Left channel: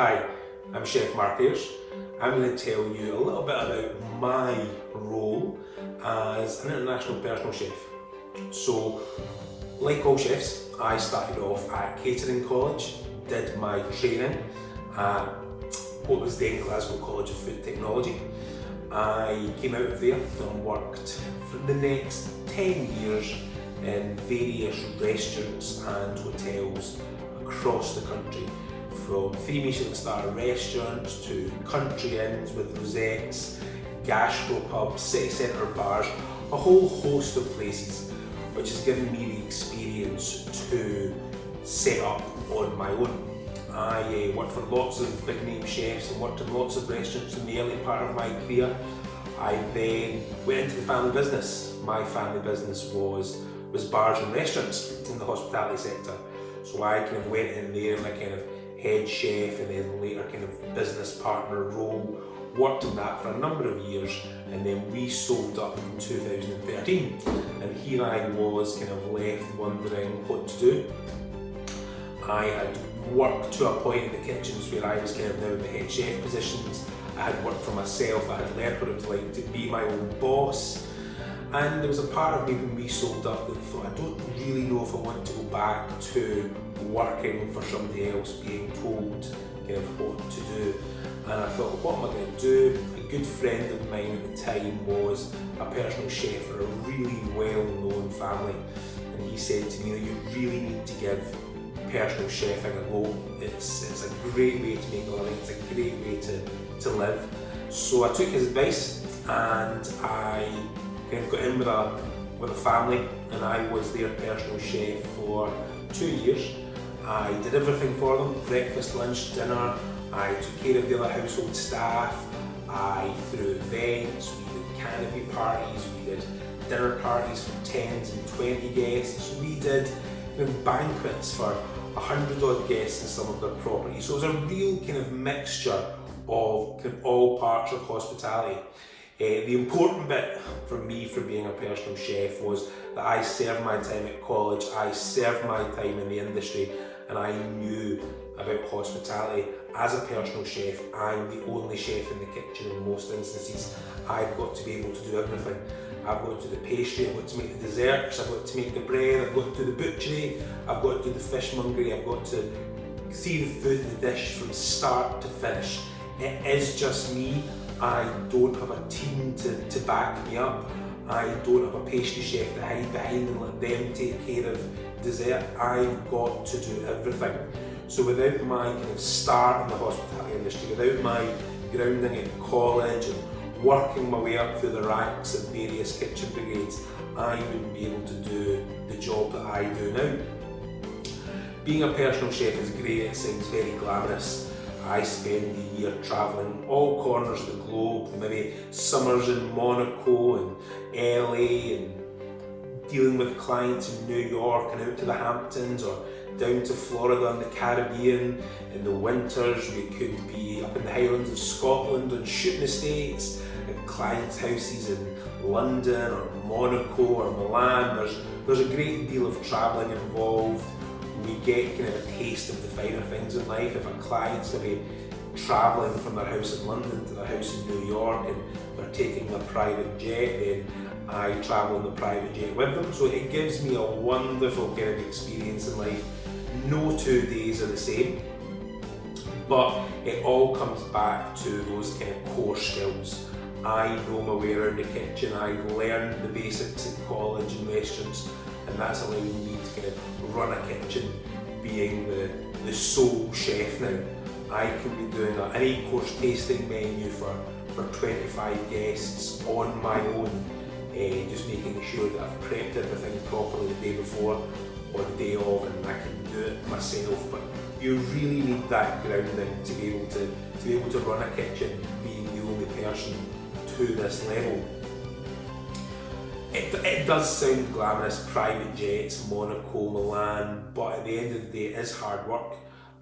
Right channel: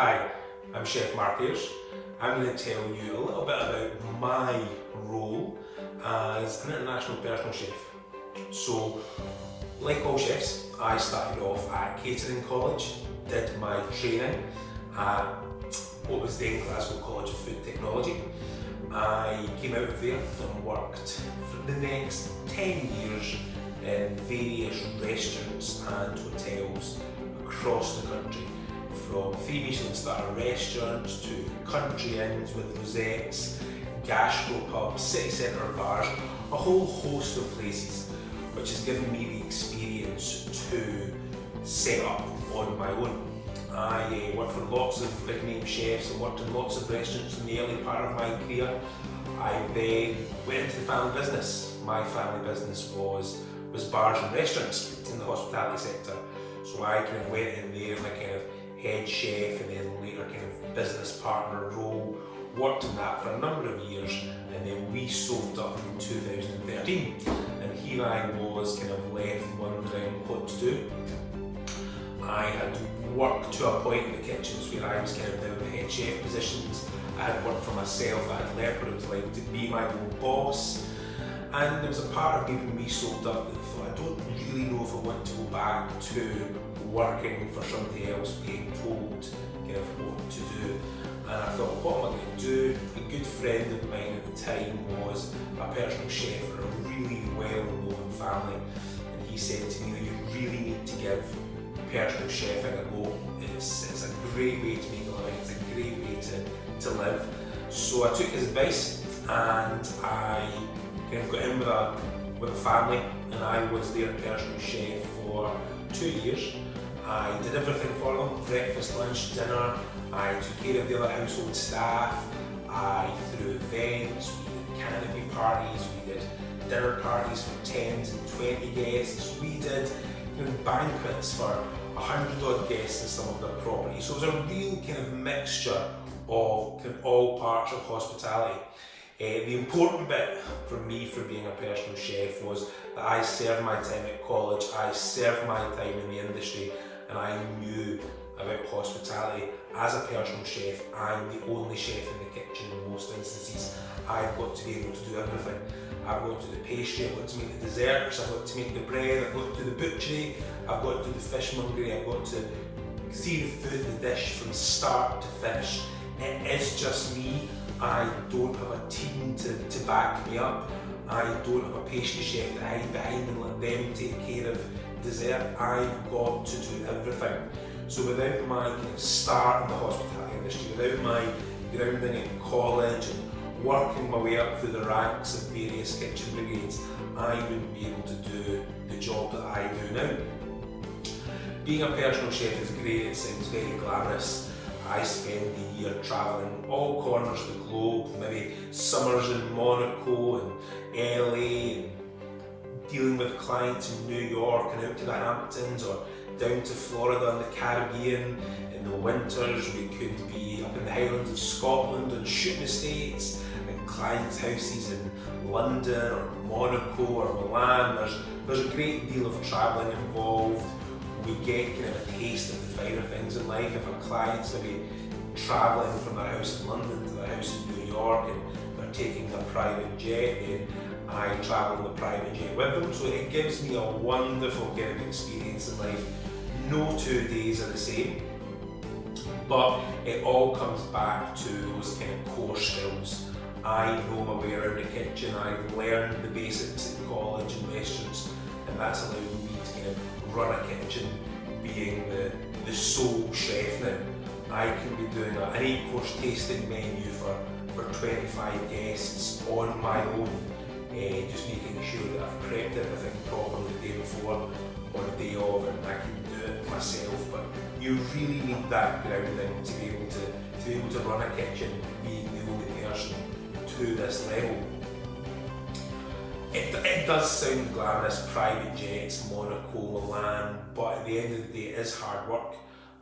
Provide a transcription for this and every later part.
Hi, I'm Chef Heirs. I'm going to tell you a little bit about my role as an international personal chef. So, like all chefs, I started off at catering college, did my training at what was then Glasgow College of Food Technology. I came out of there and worked for the next 10 years in various restaurants and hotels across the country, from 3 Michelin star restaurants to country inns with rosettes, gastropubs, city centre bars, a whole host of places, which has given me the experience to set up on my own. I worked for lots of big name chefs and worked in lots of restaurants in the early part of my career. I then went into the family business. My family business was bars and restaurants in the hospitality sector. So I kind of went in there in a kind of head chef and then later kind of business partner role, worked in that for a number of years, and then we sold up in 2013. And here I was kind of left wondering what to do. I had worked to a point in the kitchens where I was kind of now in the head chef positions. I had worked for myself, I had learned what it was like to be my own boss. And there was a part of me when we sold up that thought, I don't really know if I want to go back to working for somebody else, being told kind of what to do. And I thought, what am I going to do? A good friend of mine at the time was a personal chef for a really well-known family. And he said to me, you really need to give personal chefing a go. It's a great way to make a living, it's a great way to live. So I took his advice and I kind of got in with a family, and I was their personal chef for 2 years. I did everything for them, breakfast, lunch, dinner. I took care of the other household staff. I threw events, we did canopy parties, we did dinner parties for 10s and 20 guests. We did banquets for 100 odd guests in some of their properties. So it was a real kind of mixture of kind of all parts of hospitality. The important bit for me for being a personal chef was that I served my time at college, I served my time in the industry, and I knew about hospitality. As a personal chef, I'm the only chef in the kitchen in most instances. I've got to be able to do everything. I've got to do the pastry, I've got to make the desserts, I've got to make the bread, I've got to do the butchery, I've got to do the fishmongery, I've got to see the food, the dish from start to finish. It is just me. I don't have a team to back me up. I don't have a pastry chef to hide behind and let them take care of dessert. I've got to do everything. So without my kind of start in the hospitality industry, without my grounding in college and working my way up through the ranks of various kitchen brigades, I wouldn't be able to do the job that I do now. Being a personal chef is great, it sounds very glamorous. I spend the year travelling all corners of the globe, maybe summers in Monaco and LA, and dealing with clients in New York and out to the Hamptons, or down to Florida and the Caribbean. In the winters we could be up in the Highlands of Scotland on shooting estates, at clients' houses in London or Monaco or Milan. There's a great deal of travelling involved. We get kind of a taste of the finer things in life. If a client's maybe travelling from their house in London to their house in New York and they're taking a private jet, then I travel in the private jet with them. So it gives me a wonderful kind of experience in life. No 2 days are the same, but it all comes back to those kind of core skills. I know my way around the kitchen, I've learned the basics in college and restaurants, and that's allowed me to kind of run a kitchen, being the sole chef now. I can be doing an 8-course tasting menu for 25 guests on my own, just making sure that I've prepped everything properly the day before or the day of, and I can do it myself. But you really need that grounding to be able to run a kitchen, being the only person to this level. It does sound glamorous, private jets, Monaco, Milan, but at the end of the day it is hard work.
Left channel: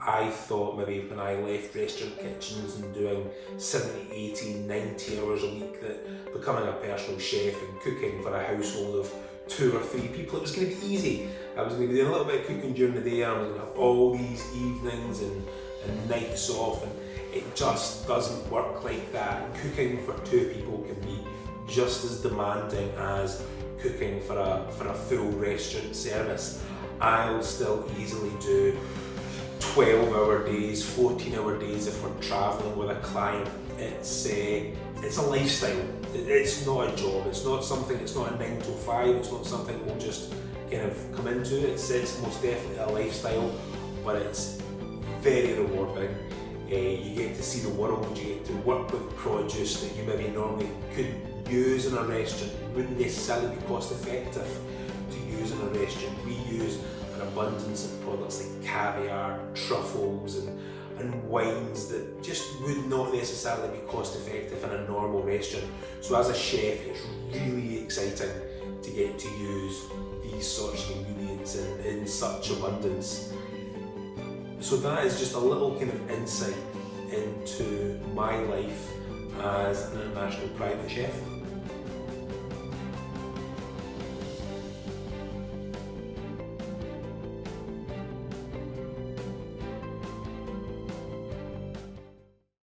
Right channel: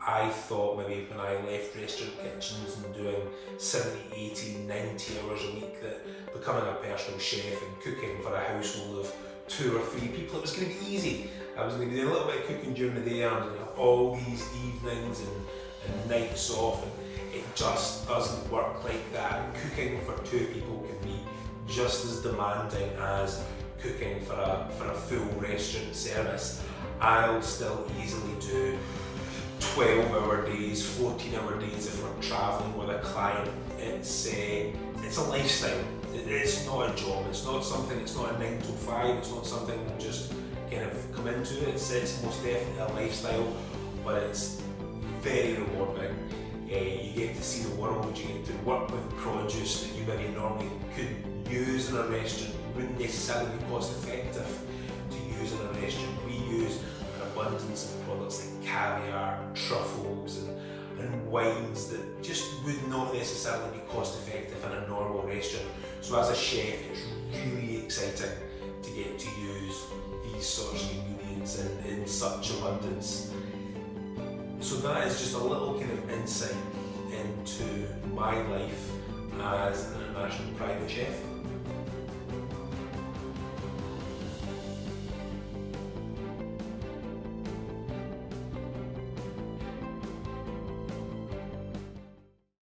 I thought maybe when I left restaurant kitchens and doing 70, 80, 90 hours a week that becoming a personal chef and cooking for a household of 2 or 3 people, it was going to be easy. I was going to be doing a little bit of cooking during the day, and I was going to have all these evenings and and nights off, and it just doesn't work like that. Cooking for 2 people can be just as demanding as cooking for a full restaurant service. I'll still easily do 12-hour days, 14-hour days if we're travelling with a client. It's a lifestyle. It's not a job. It's not something. It's not a 9 to 5. It's not something we'll just kind of come into. It's most definitely a lifestyle, but it's very rewarding. You get to see the world. You get to work with produce that you maybe normally couldn't use in a restaurant. Wouldn't necessarily be cost effective to use in a restaurant. We use an abundance of products like caviar, truffles, and wines that just would not necessarily be cost effective in a normal restaurant. So as a chef, it's really exciting to get to use these sorts of ingredients in such abundance. So that is just a little kind of insight into my life as an international private chef.